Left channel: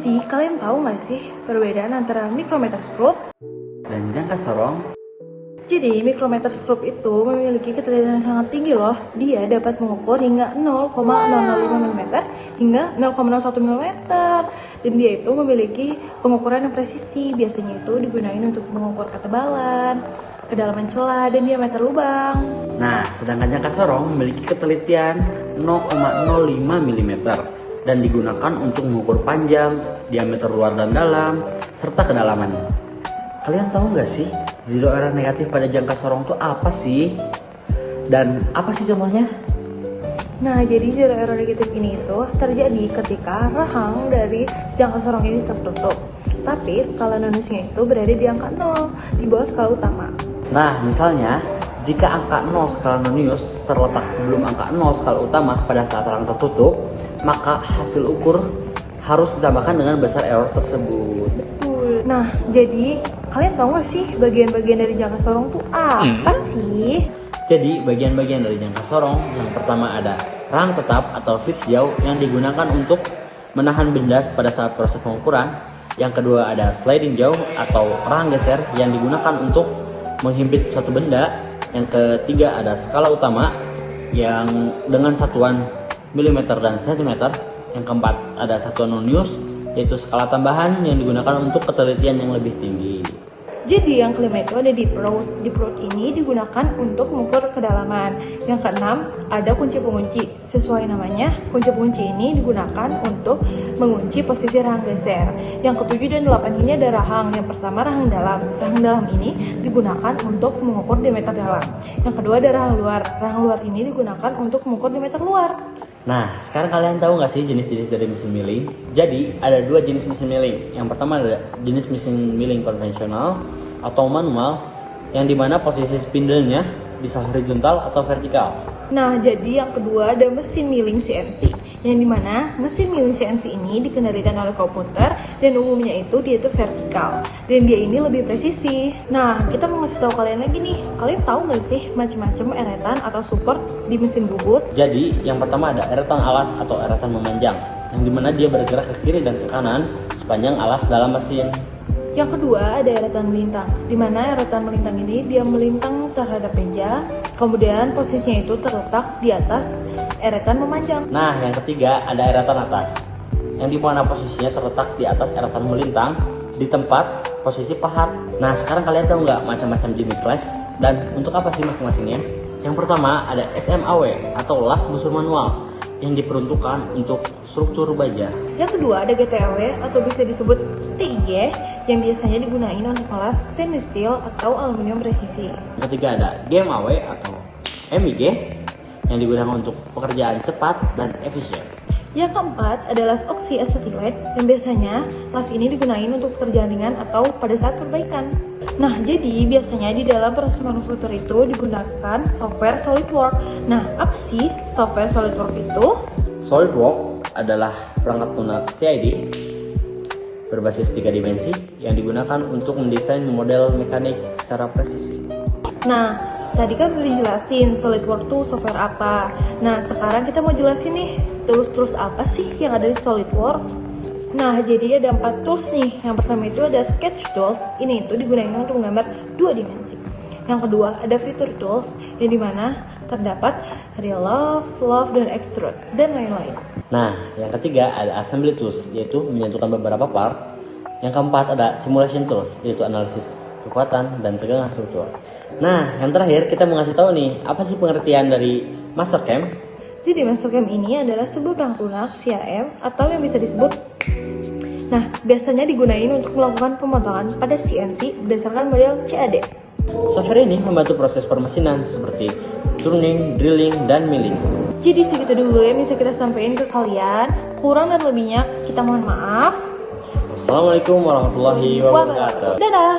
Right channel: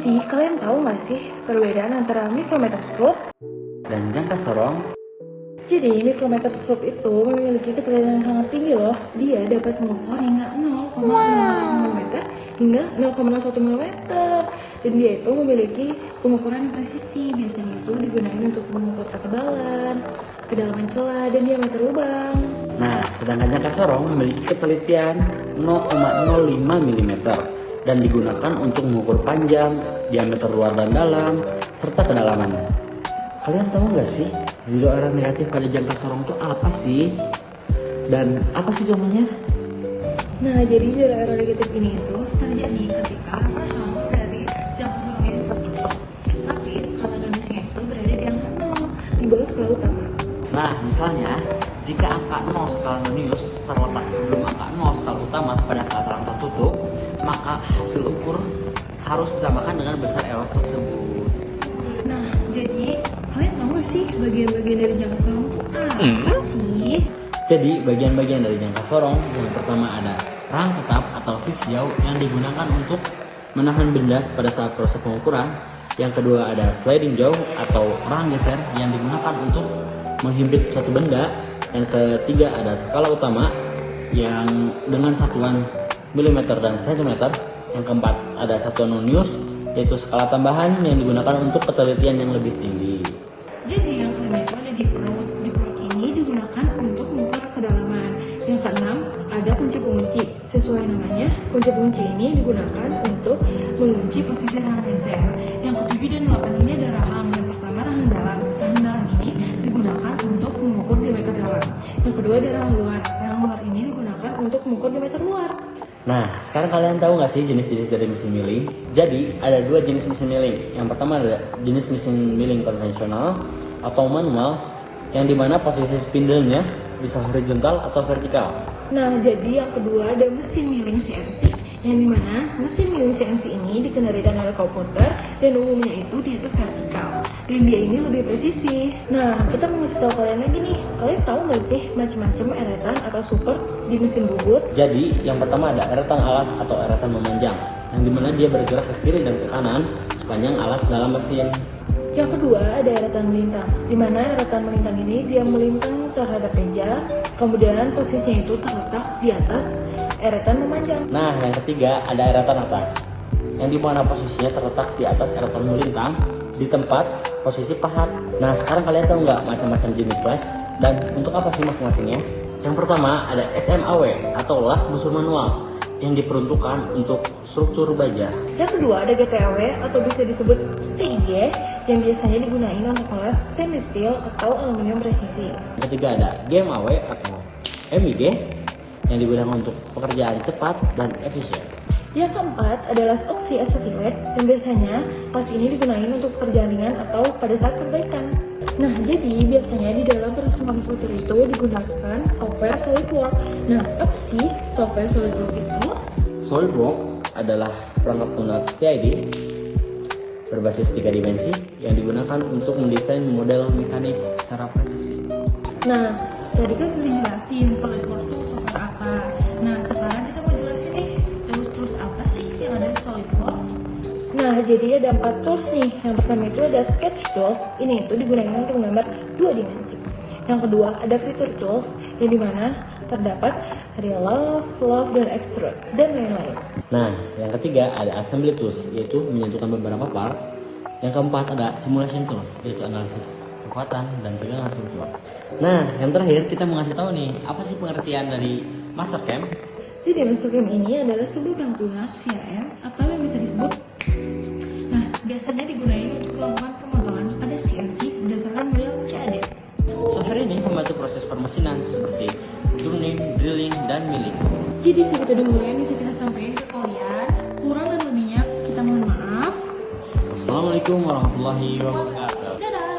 Jadi, kalian tahu nggak sih perbedaan antara micrometer screw dan jangka sorong? Jadi, micrometer screw itu memiliki ketelitian yang sangat tinggi loh. Dia dapat mengukur hingga 0,005 mm hingga 0,01 mm. Dan dia itu memiliki pengukuran yang presisi. Biasanya itu digunakan untuk mengukur ketebalan, kedalaman celah, dan diameter lubang. Nah, sedangkan jangka sorong memiliki ketelitian 0,05 mm dan digunakan untuk mengukur panjang, diameter luar dan dalam, serta kedalaman. Kalian tahu nggak sih zero error negatif pada jangka sorong itu apa sih? Dan apa sih contohnya? Nah, jadi zero error negatif ini itu terjadi ketika rahang dari jangka sorong ini tertutup. Tapi skala nonusnya itu berada di angka 0, di bawah skala utama. Nah, misalnya, jika angka 0 skala nonius terletak sebelum angka 0 skala utama pada saat rahang tertutup, maka hasil ukur harus ditambahkan dengan besar error tersebut. Nah, jadi kalian tahu nggak sih bagian-bagian dari jangka sorong itu apa sih? Jadi, bagian-bagian dari jangka sorong yang pertama ada rahang tetap atau fixed jaw yang digunakan untuk menahan benda pada saat proses pengukuran. Yang kedua ada sliding jaw atau rahang geser yang digunakan untuk menghimpit suatu benda. Yang ketiga ada skala utama yang dengan satuan milimeter dan sentimeter. Yang keempat ada satuan nonius yaitu skala tambahan yang digunakan untuk ketelitian yang lebih tinggi. Jadi yang kelima itu ada deep probe. Deep probe ini digunakan untuk mengukur kedalaman. Yang keenam ada kunci pengunci. Sesuai namanya, kunci pengunci ini digunakan untuk mengunci posisi rahang geser. Yang ketujuh dan delapan ini ada rahang. Yang pertama rahang dalam. Rahang dalam ini digunakan untuk mengukur diameter dalam. Yang kedua ada rahang luar. Rahang luar ini digunakan untuk mengukur diameter luar. Nah, sekarang kalian tahu nggak sih jenis-jenis dari mesin milling? Jadi, ada dua jenis mesin milling. Yang pertama ada jenis mesin milling konvensional atau manual, yang dimana posisi spindle-nya bisa horizontal atau vertikal. Nah, jadi yang kedua ada mesin milling CNC, yang dimana mesin milling CNC ini dikendalikan oleh komputer dan umumnya itu dia itu vertikal dan dia ini lebih presisi. Nah, kita mau ngasih tahu kalian lagi nih, kalian tahu nggak sih macam-macam eretan atau support di mesin bubut? Jadi, yang pertama ada eretan alas atau eretan memanjang, yang dimana dia bergerak ke kiri dan ke kanan sepanjang alas dalam mesin. Yang kedua ada eretan melintang, di mana eretan melintang ini dia melintang terhadap meja, kemudian posisinya itu terletak di atas eretan memanjang. Nah, yang ketiga ada eretan atas, yang dimana posisinya terletak di atas eretan melintang di tempat posisi pahat. Nah, sekarang kalian tahu nggak macam-macam jenis las dan untuk apa sih masing-masingnya? Yang pertama ada SMAW atau las busur manual, yang diperuntukkan untuk struktur baja. Yang kedua ada GTAW atau bisa disebut TIG yang biasanya digunakan untuk kelas stainless steel atau aluminium presisi. Yang ketiga ada GMAW atau MIG yang digunakan untuk pekerjaan cepat dan efisien. Yang keempat adalah oxy acetate yang biasanya las ini digunakan untuk pekerjaan ringan atau pada saat perbaikan. Nah, jadi biasanya di dalam proses manufaktur itu digunakan software SolidWorks. Nah, apa sih software SolidWorks itu? SolidWorks adalah perangkat lunak CAD berbasis 3 dimensi yang digunakan untuk mendesain model mekanik secara presisi. Nah, tadi kan udah jelasin SolidWorks itu software apa. Nah, sekarang kita mau jelasin nih, tools apa sih yang ada di SolidWorks? Nah, jadi ada 4 tools nih. Yang pertama itu ada Sketch Tools. Ini itu digunakan untuk menggambar 2 dimensi. Yang kedua ada Feature Tools, yang dimana terdapat ada Love, dan Extrude, dan lain-lain. Nah, yang ketiga ada Assembly Tools, yaitu menyatukan beberapa part. Yang keempat ada Simulation Tools, yaitu analisis kekuatan dan tegangan struktur. Nah, yang terakhir kita mau ngasih tahu nih, apa sih pengertian dari Mastercam? Jadi Mastercam ini adalah sebuah perangkat lunak CAM atau yang bisa disebut. Nah, biasanya digunakan untuk melakukan pemotongan pada CNC berdasarkan model CAD. Software ini membantu proses permesinan seperti turning, drilling, dan milling. Jadi segitu dulu yang bisa kita sampaikan ke kalian. Kurang dan lebihnya kita mohon maaf. Wassalamualaikum warahmatullahi wabarakatuh. Dadah.